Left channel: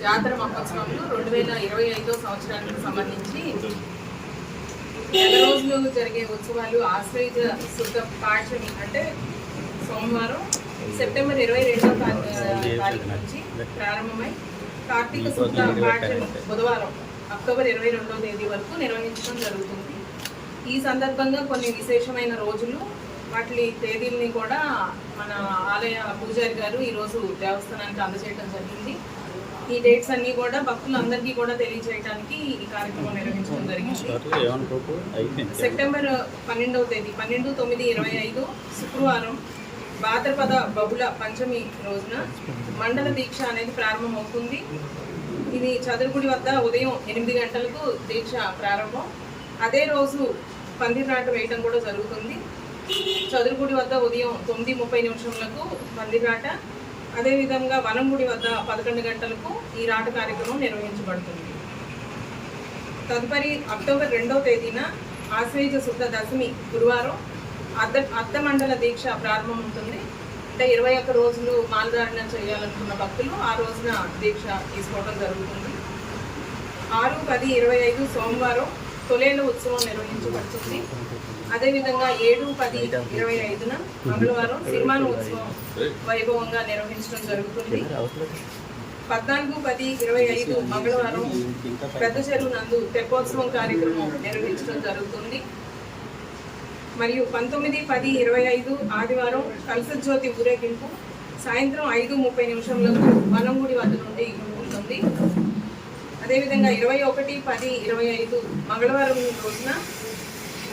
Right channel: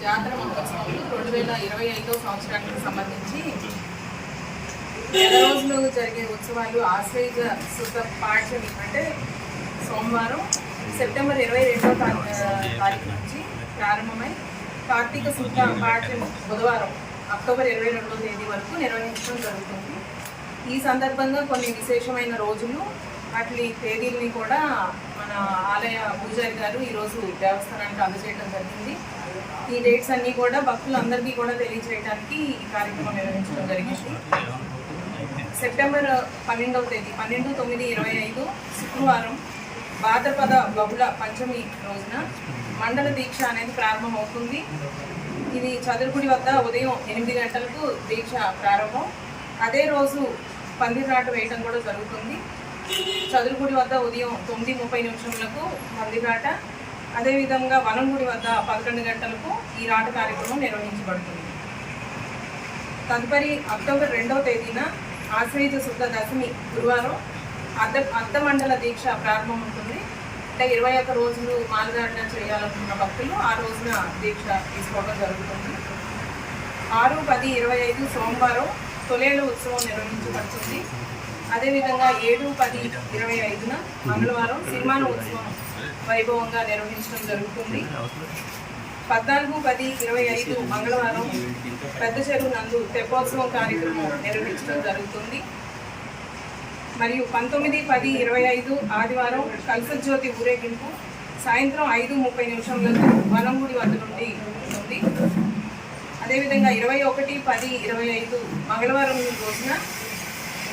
జాతర మహోత్సవంలో రెండు వేల ఇరవై ఐదో సంవత్సరానికి సంబంధించి నెల రోజులు జరిగే ఉత్సవాలు ఆశ్రయ శుద్ధ పాఠ్యమి అంటే సోమవారం సెప్టెంబర్ ఇరవై రెండో తారీఖు నుంచి ప్రారంభమై కార్తీక శుద్ధ పాఠ్యమి బుధవారం అక్టోబర్ ఇరవై రెండో తేదీ వరకు నిర్వహించడం జరుగుతుంది. ఈ సందర్భంగా కొన్ని విశేషమైన రోజులు అట్లీ తేదీల్ని కూడా మన ఆలయ పూజారి గారు ఈరోజు దేవస్థానానికి అందజేయడం జరిగింది. ఈ డేట్స్ అన్నీ కూడా భక్తులందరికీ కూడా తెలియజేయడానికి ఈ కార్యక్రమం నిర్వహించడం జరిగింది. సెప్టెంబర్ పన్నెండవ తేదీ పన్నెండు తొమ్మిది ఇరవై ఐదు శుక్రవారం భాద్రపద బహుళ పంచమి రోజున మండల దీక్ష అనేది ప్రారంభమవుతుంది. ఇది చదురుగుడి వద్ద ఉదయం ఎనిమిది గంటలకు దీక్ష ప్రారంభం. అదే రోజు పందిరాట వేయటం కూడా జరుగుతుంది. చదురుగుడి వద్ద ఉదయం తొమ్మిది ముప్పై నిమిషములకు పందిరాట. అదేవిధంగా వనంగుడి వద్ద పదకొండు గంటలకు ఈ రాట కార్యక్రమం నిర్వహించబడుతుంది. తదుపరి అక్టోబర్ రెండవ తేదీన ఆశ్రయిత శుద్ధ దశమి గురువారం అర్ధ అర్ధమండల దీక్ష ప్రారంభం ఉంటుంది అంటే ఇరవై ఒక్క రోజులు మాలధారణ చేయాలనుకున్న భక్తులు ఆ రోజున దీక్ష తీసుకోవడం జరుగుతుంది. ఆరు పది ఇరవై ఐదు సోమవారం తొలేళ్ళ ఉత్సవం నిర్వహించబడుతుంది. అదేవిధంగా ఏడు పది ఇరవై ఐదున మంగళవారం సిరిమాన ఉత్సవం వైభవంగా నిర్వహించడం జరుగుతుంది. పద్నాలుగు పది ఇరవై ఐదు మంగళవారం పెద్ద చెరువు నందు తెప్పోత్సవం కార్యక్రమం నిర్వహించడం జరుగుతుంది. మరియు పంతొమ్మిది పది ఇరవై ఐదు ఆదివారం కల్సజ్యోతి ఊరేగింపు సాయంత్రం ఐదు ముప్పై నిమిషంలకు వనంగుడి వద్ద నుండి ఉంటుంది. అదేవిధంగా ఇరవై ఒకటి పది ఇరవై ఐదు మంగళవారం రోజున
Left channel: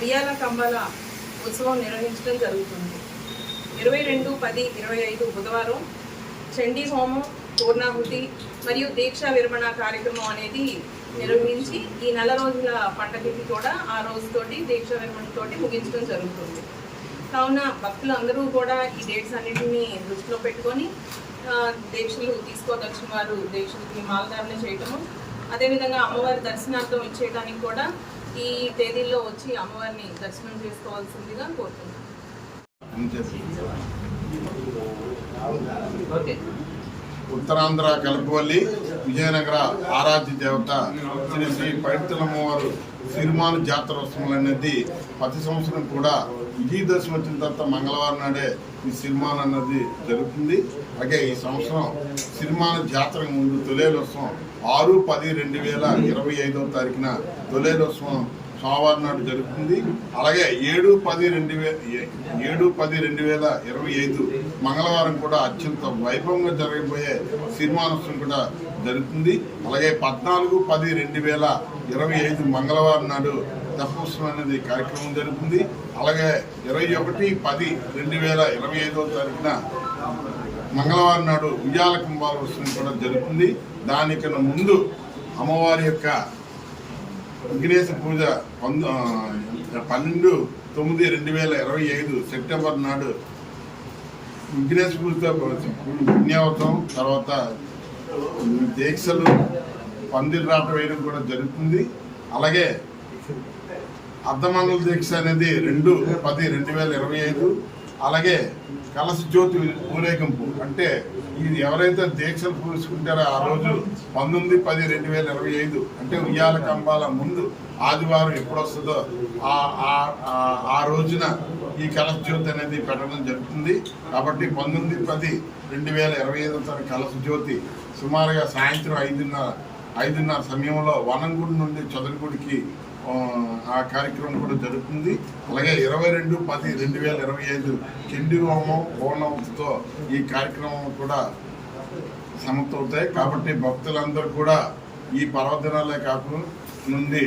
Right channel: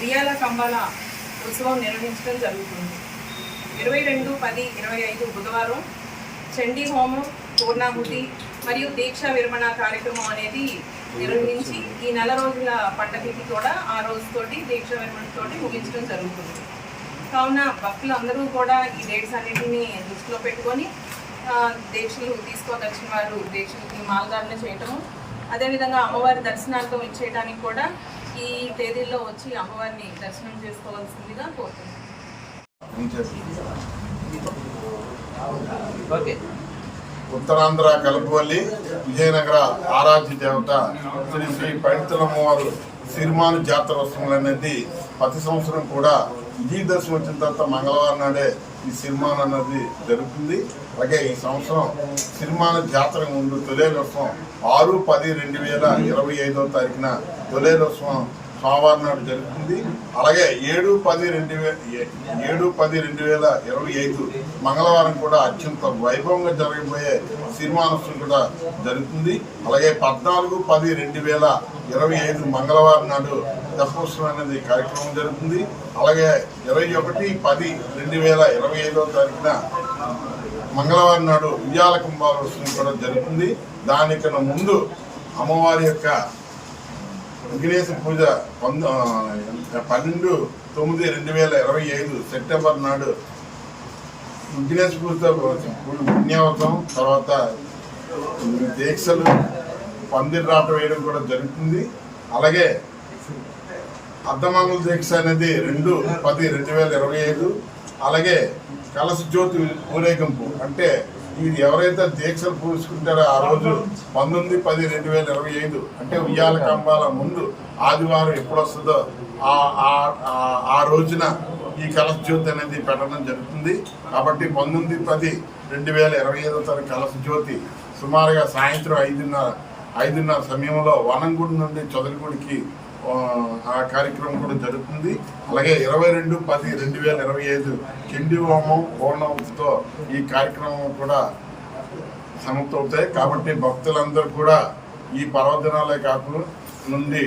ఉయ్యాల కంబాల ఉత్సవం నిర్వహించడం జరుగుతుంది. ఇరవై రెండు పది ఇరవై ఐదు బుధవారం చండీ హోమం పూర్ణాహుతి మరియు దీక్షా విరమణ కార్యక్రమం అనేది నిర్వహించి ఈ నెల రోజుల పండగకి కూడా ఆ రోజుతోటి దీక్ష విరమణతోటి ముగించడం జరుగుతుంది. కావున భక్తులు అందరూ కూడా ఈ డేట్స్ అన్నింటినీ దృష్టిలో పెట్టుకొని దీక్షలు తీసుకోదలిచిన వారు దీక్షలకి మాలధారణ చేయటము అదేవిధంగా అమ్మవారి దర్శనార్థం ఇచ్చేయడానికి కూడా ఈ తేదీల్లో వచ్చి అమ్మవారిని దర్శనం చేసుకోవాల్సిందిగా కోరుతున్నాను ఉత్తరాంధ్ర కలుపువల్లి విజయనగర ఆరాధ్య దేవత శ్రీ శ్రీ పైడితలమ్మవారు సిరిమాను జాతరోత్సవం అనేది ప్రతి సంవత్సరం కూడా విజయదశమి వచ్చిన తర్వాత మంగళవారం నాడే ఈ సినిమా అన్నది జరుగుతుంది. అలాగే ఈ సంవత్సరం సినిమాన జాతర ముందు తొలేలోత్సవం ఆరు పది రెండు వేల ఇరవై ఐదో తారీఖున తొలేలోత్సవం సోమవారం నాడు జరుగుతుంది. అలాగే ఏడు పది రెండు వేల ఏడు పది రెండు వేల ఇరవై ఐదు మంగళవారం కూడా అత్యంత వైభవంగా జరగబోయే సినిమానోత్సవం కూడా జరుగుతుంది. అలాగే పద్నాలుగు పది రెండు వేల ఇరవై ఐదు మంగళవారం నాడు దశోత్సవం అనేది కార్యక్రమం జరుగుతుంది. అలాగే ఇరవై ఒకటి పది రెండు వేల ఇరవై ఐదో తారీఖున మంగళవారం నాడు ఉయ్యాల కుంభాలోత్సవం కూడా జరుగుతుంది. దానికన్నా ముందు అమ్మవారి యొక్క విఘ్నేశ పూజ పంద పన్నెండు తొమ్మిది రెండు వేల ఇరవై ఐదు సెప్టెంబర్ నాడు విఘ్నేశ పూజతో పుణ్యావతం తర్వాత దీక్షలు పందిర్రాట వేయడం కూడా జరుగుతుంది. అలాగే అర్ధమంగళ దీక్ష అనేది రెండు పది రెండు వేల ఇరవై ఐదు అలాగే కలశ జ్యోతి ఊరేగింపు. అంటే ఇది ఎవరైతే దీక్షలు పూసుకుంటారో ఆ రోజు పంతొమ్మిది పది రెండు వేల ఇరవై ఐదు అంటే ఉయ్యాల కంబాల ముందు ఆదివారం ఎప్పుడు వస్తుందో ఆ- ఆ- రోజున ఈ కలశ జ్యోతి అనేది పెట్టడం జరుగుతుంది. కాబట్టి పంతొమ్మిది పది రెండు వేల ఇరవై ఐదో తారీఖు కలశ జ్యోతి సుమారుగా సాయంత్రం ఐదున్నర ఐదున్నర సమయంలో వనంగుడి నుండి చదరగుడికి ఆ, కార్యక్రమం కూడా జరుగుతుంది. అలాగే ఇరవై రెండు పది రెండు వేల ఇరవై ఐదు చండీ హోమం పూర్ణవంతితో ఈ కార్యక్రమం కూడా సమర్థవుతాయి కాబట్టి భక్తులందరూ కూడా ఈ పర్వదినాలే కాకుండా నుండి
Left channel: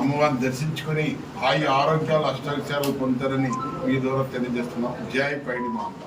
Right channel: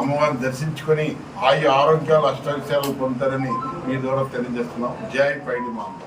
అమ్మవారిని దర్శించుకొని ఆయు ఆరోగ్యాలు అష్టాక్షరాలు పొందుతారని మీ ద్వారా తెలియజేస్తున్నాం. జై పైడి మాంబ